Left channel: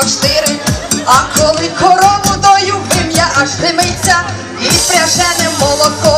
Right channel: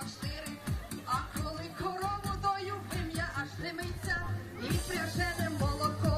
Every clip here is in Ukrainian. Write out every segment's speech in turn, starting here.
44, а коли корову дою вим'я аж димиться і пряжене молоко.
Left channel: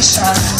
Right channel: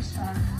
Sharp.